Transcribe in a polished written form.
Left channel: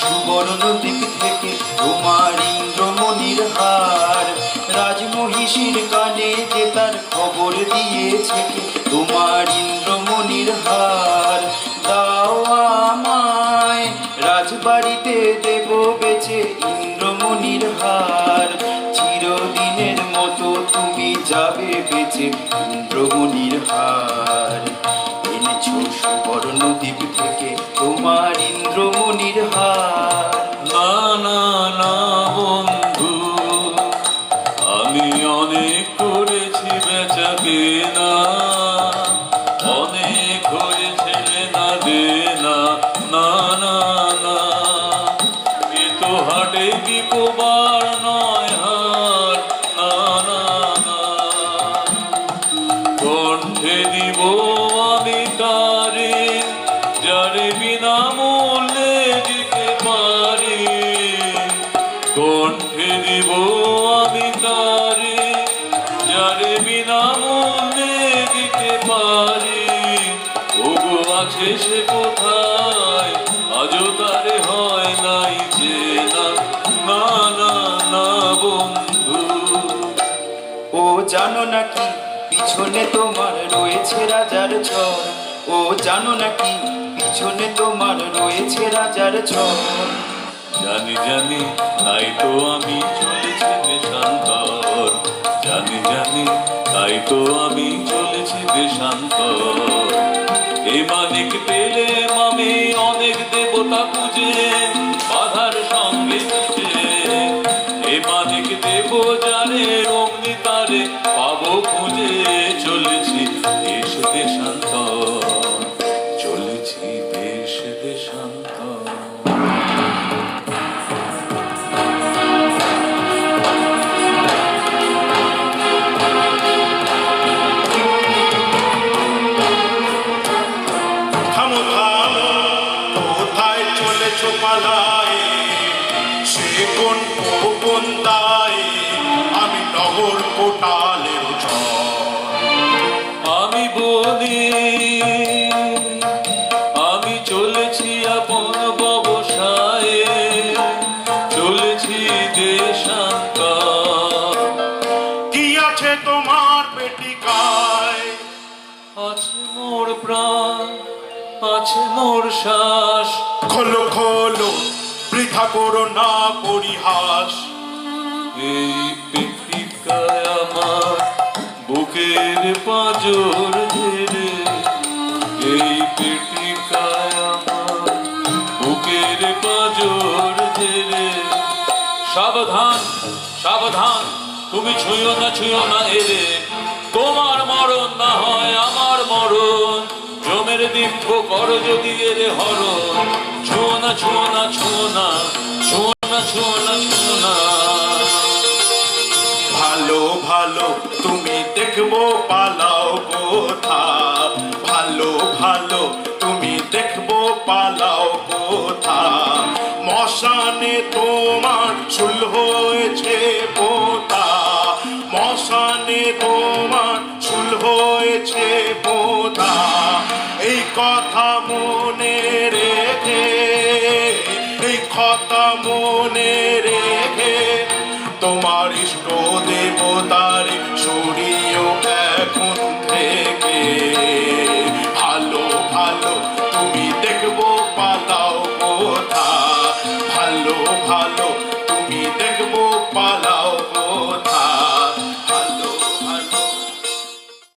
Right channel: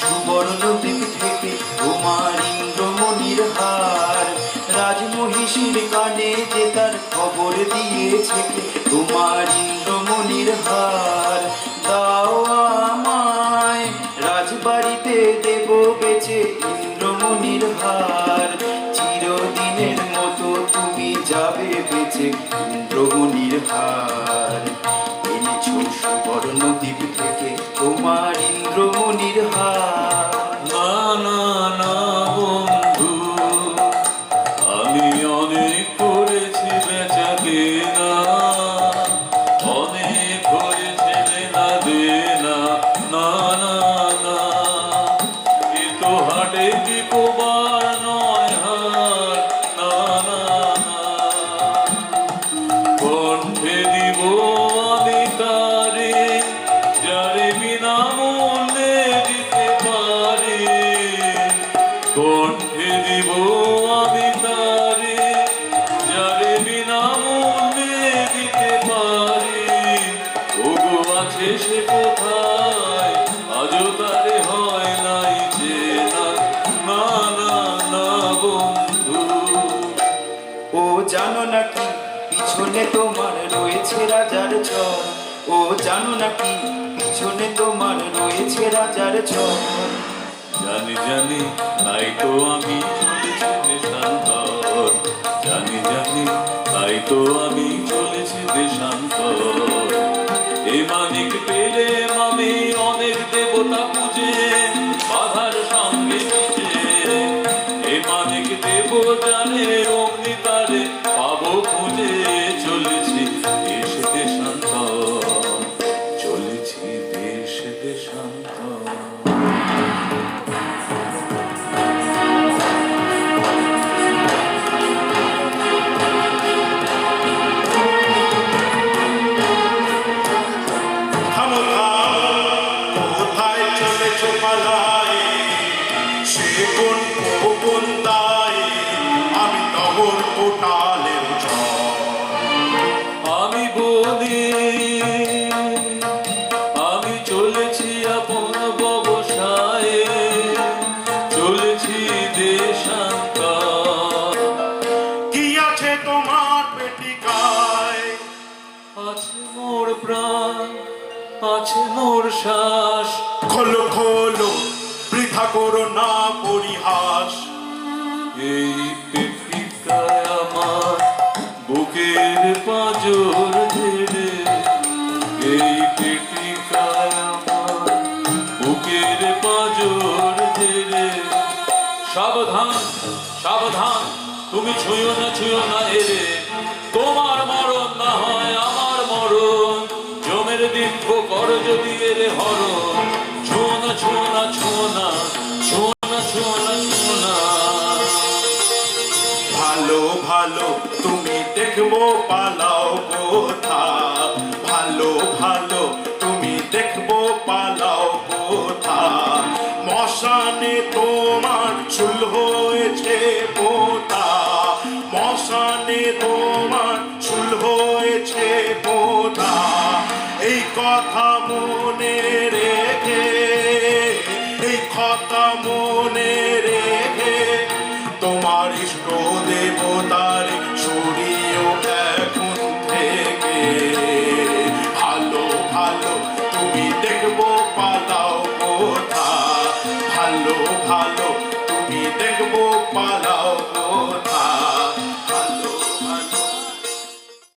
সুবর্ণ দ্বীপ থেকে তোমার ইন্দ্রমণির হার, রাজমহিষীর কানে যে তার খবর দিয়েছে তোমার ইন্দ্রমণির হার। দাও আমায় রাজবাড়িতে দেব বেচে ইন্দ্রমণির হার, চিরদিনের মতো তুমি যাবে বেচে ইন্দ্রমণির হার। এনেছো সুবর্ণ দ্বীপ থেকে তোমার ইন্দ্রমণির হার। না না না বন্ধু, আমি অনেক করেছি বেচা কেনা, অনেক হয়েছে লেনা দেনা। না না না, এ তো হাটে দিকবার নয় হার। না না না, কণ্ঠে দিব আমি কারে, যারে বিনামূল্যে দিতে পারি। কণ্ঠে দিব আমি কারে, যারে বিনামূল্যে দিতে পারি। ওগো আছে সে কোথায়, আজও তারে হয় নাই চেনা। না না না বন্ধু। ও জানো নাকি পিছনে তোমার রয়েছে রাজার চর, ও জানো নাকি পিছনে তোমার রয়েছে রাজার চর। জানি জানি, তাই তো আমি চলেছি দেশান্তর। জানি জানি, তাই তো আমি চলেছি দেশান্তর। এ মানিক পেলে আমি অনেক দেবতা পুজে, বাধার সঙ্গে পুজে। এ মানিক দেব জানে অগ্নি তারে পাবো খুঁজে। চলেছি দেশ দেশান্তর, চলেছি দেশ দেশান্তর। কোথায় চলেছো পালায়, সে কোন গোপন দায়, আমি নগর কোটালের আমি বলি আমি চলেছি আপন ব্যবসায়ে, চলেছি দেশান্তর। কি আছে তোমার পেটিকায়, আছে মোর প্রাণ, আছে মোর শ্বাস। খোলো খোলো বৃথা করো না পরিহাস। এই পেটিকায় আমার বুকের পাঁজর ধরে, এই পেটিকায় আমার বুকের পাঁজর ধরে। সাবধান সাবধান, তুমি ছুঁয়ো না এরে, তোমার মরণ না হয় আমার মরণ। জমের দিব্য কর যদি এরে হরণ। ছুঁয়ো না ছুঁয়ো না ছুঁয়ো না ছুঁয়ো না ছুঁয়ো না ছুঁয়ো না। ভালো ভালো তুমি দেখবো পালাও কোথা, ভালো ভালো তুমি দেখবো পালাও কোথা। মশানে তোমার চুল হয়েছে পোতা, মশানে তোমার চুল হয়েছে পোতা। এই কথা মনে রেখে, এই কথা মনে রেখে, তোমার ইষ্ট দেবতার সরিয়েও এখন থেকে। ভালো ভালো তুমি দেখবো পালাও কোথা, ভালো ভালো তুমি দেখবো পালাও